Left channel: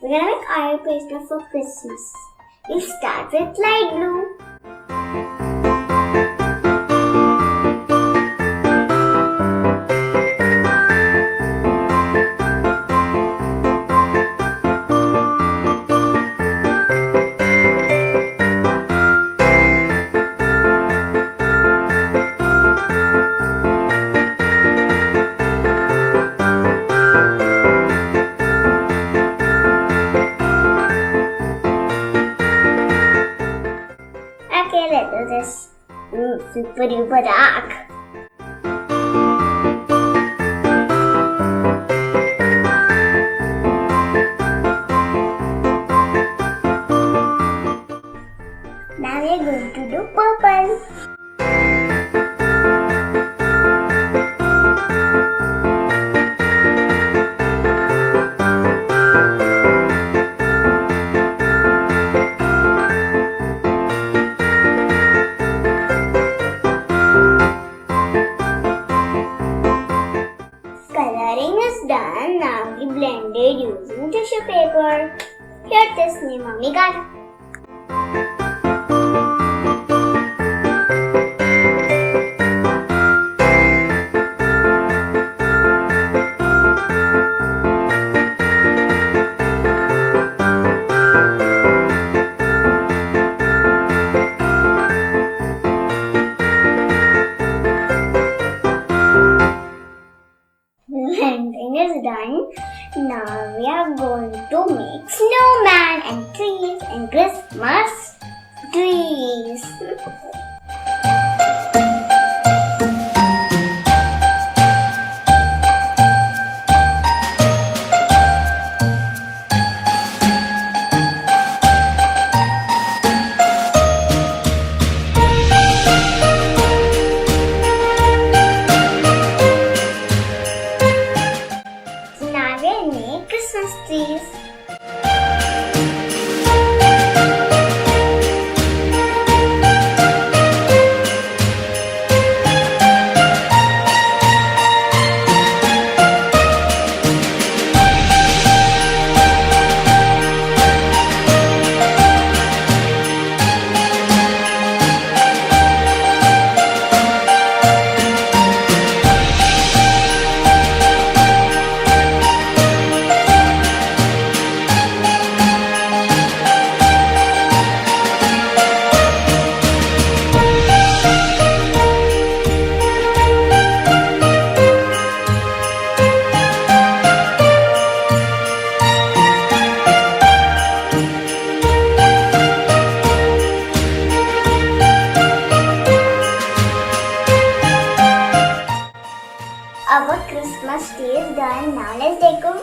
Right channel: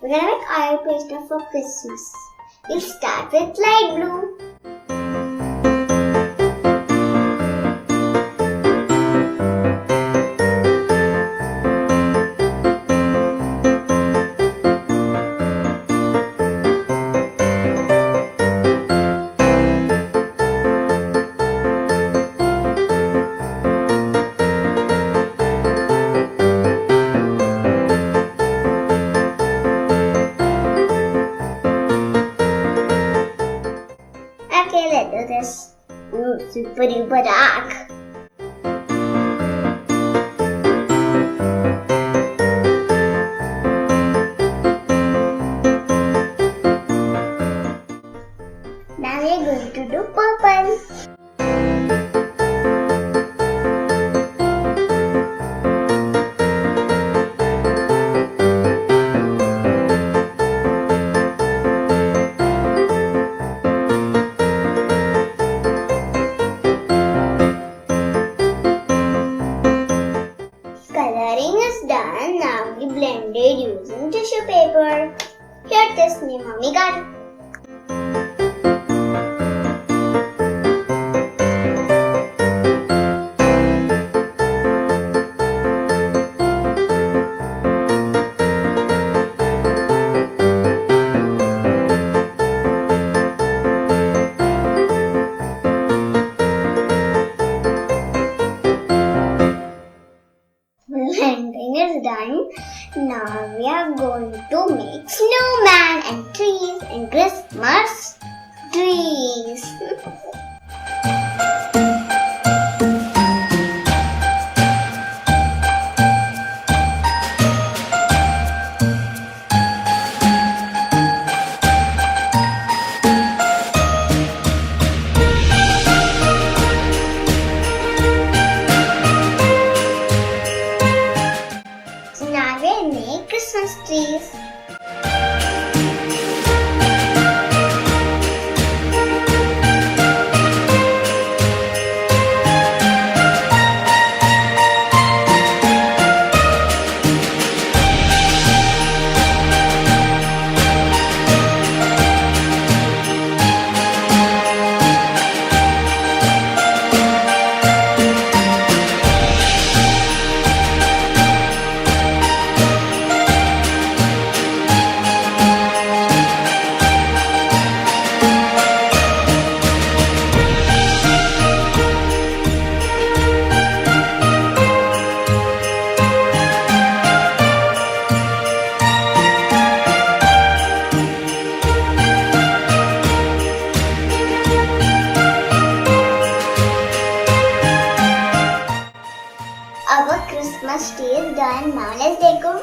We're gonna make oil pastel for Christmas. We'll start with light blue. Okay, let's do this. Super duper dark. Now we are going to do purple. Coloring is done. Now we blend it using tissue paper. Here this me mommy got. Blending is done. Now we are going to make snowman and trees and Christmas trees. Now we make Christmas trees. Our Christmas tree is done. Now let's decorate.